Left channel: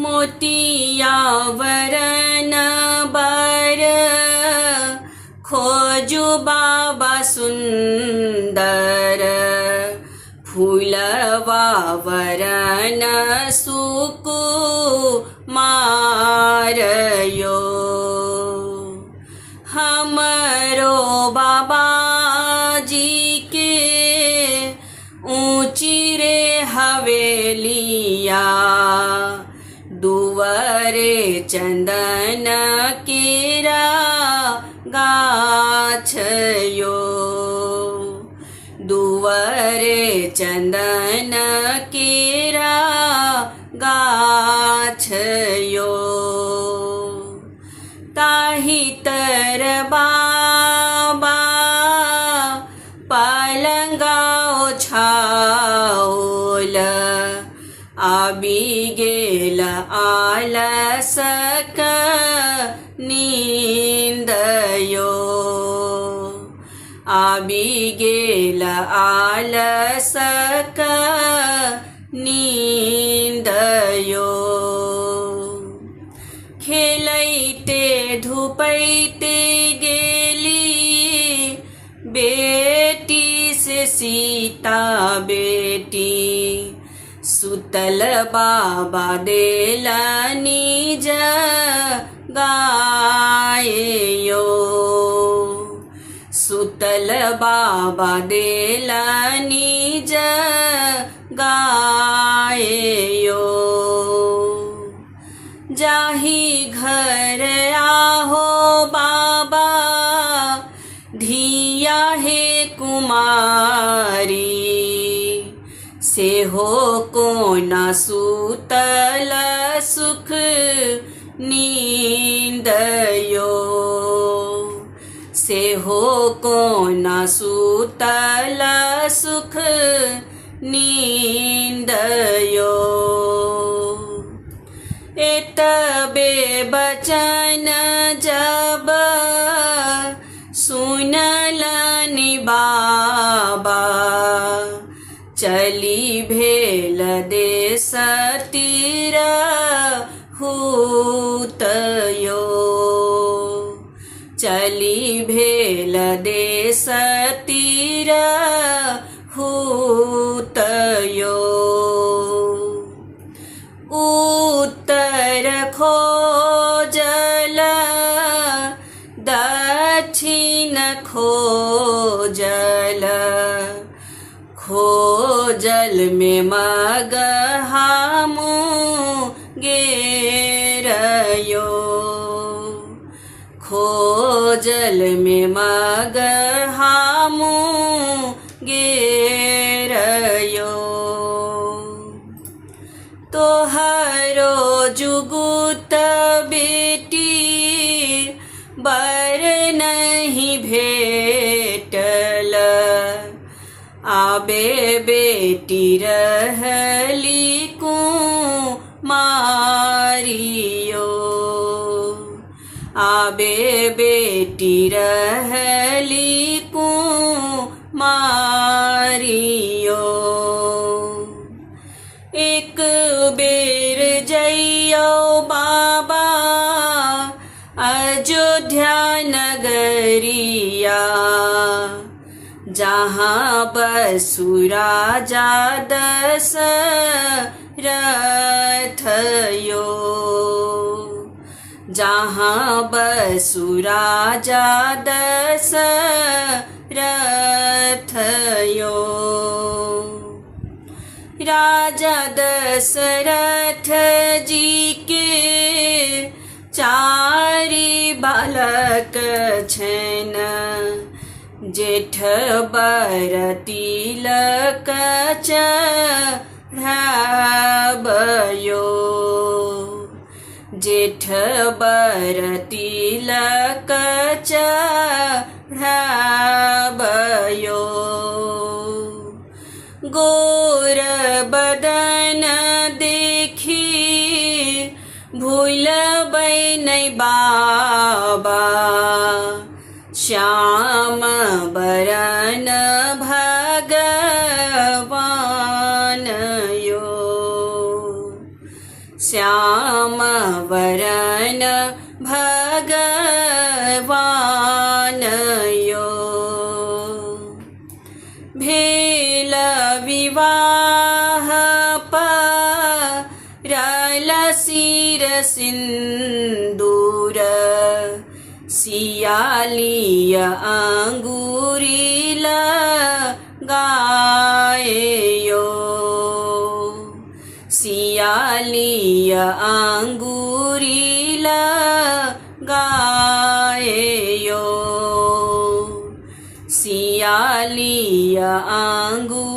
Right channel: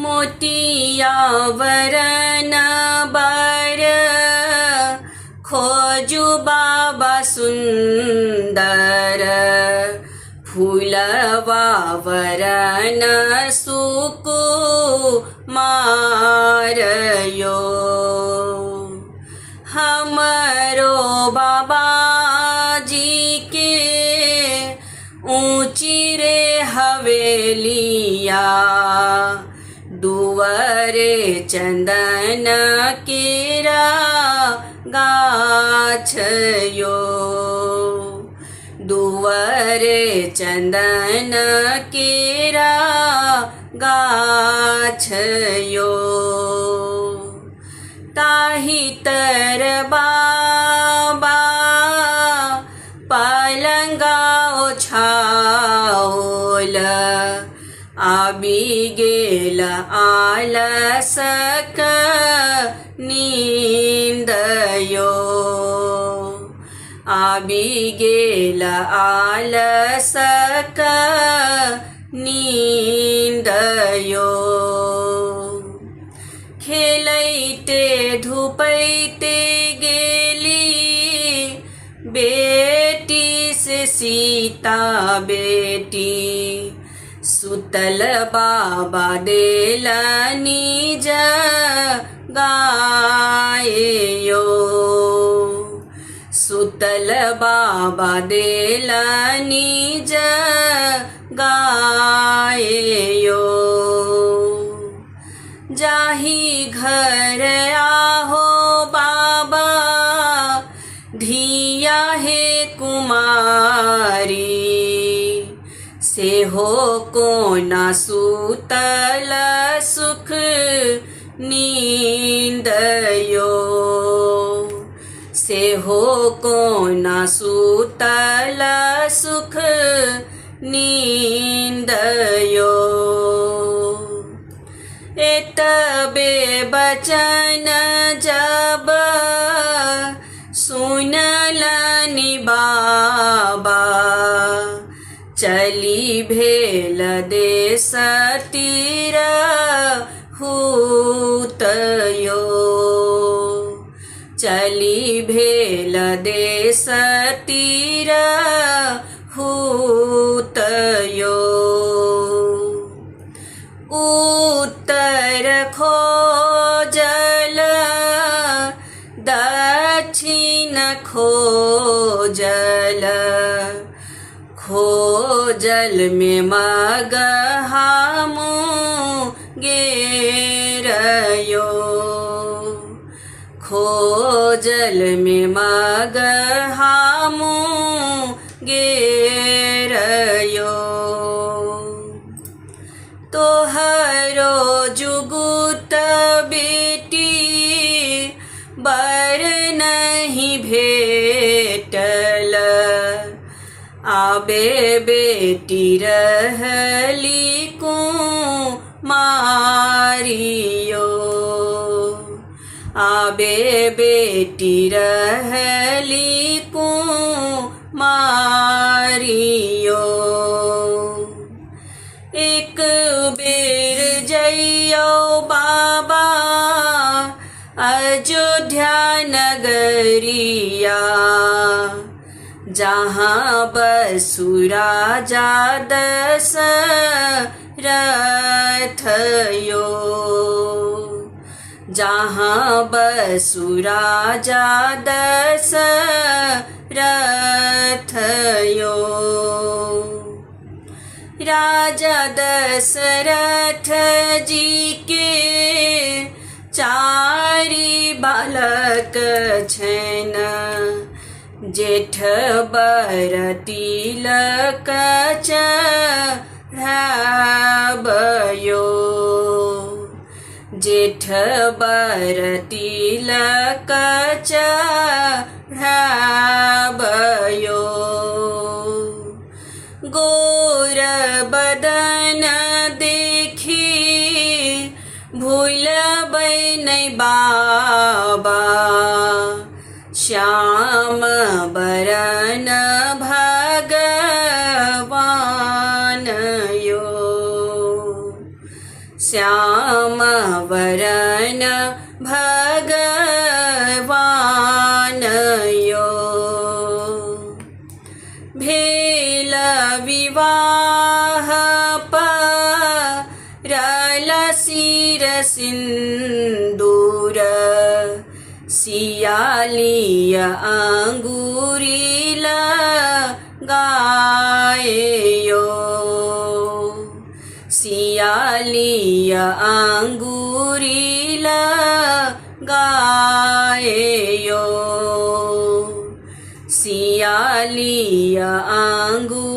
मोतिया वरन बर खोजु बाबा सुंदर फूलवा वरन सुकु मारयो हमरो बाबा जी के ऊंची रे हवेलिया दुवरे चंदन केरा गाछयो दुवरे चंदन केरा गाछयो ताहि तर बाबा पलंगा ओछाओल आबि गेल आलसक नींदयो आबि गेल आलसक नींदयो खेलैते धुपैते गेली बेटी से सीता बेटी सुतल बाबा देल निज गायो सुतल बाबा देल निज गायो जाहि घर आहो बाबा धिया हे कुमारी से हो कोना सुतल सुख नींदयो से हो कोना सुतल सुख नींदयो एतबे बचन जब सुनलनि बाबा चली भेल देश तीर हुतयो चली भेल देश तीर हुतयो उत्तर खोजल दक्षिण खोजल खोजल में मग हमू गेरयो खोजल में मग हमू गेरयो तोहरो जुगुत बेटी बर नहीं भेटल आबे बेटी रहली कुमारियो आबे बेटी रहली कुमारियो एक बेर जइयो बाबा अयोध्या नगरिया जहाँ बसुराजा दशरथयो जहाँ बसुराजा दशरथयो राजा दशरथ जी के चारि बालक छैन जेठ बर तिलक चढ़ाबयो जेठ बर तिलक चढ़ाबयो गोर बदन देखी भूलबै नै बाबा श्याम बरन भगवान यो શ્યામ વરન ભગવાન યો ભેલ વિવાહ પરલ શિર સિંદૂર સિયાલિય અંગુરી લગાયો સિયાલિય અંગુરી લગાયો સિયાલિય અંગુરી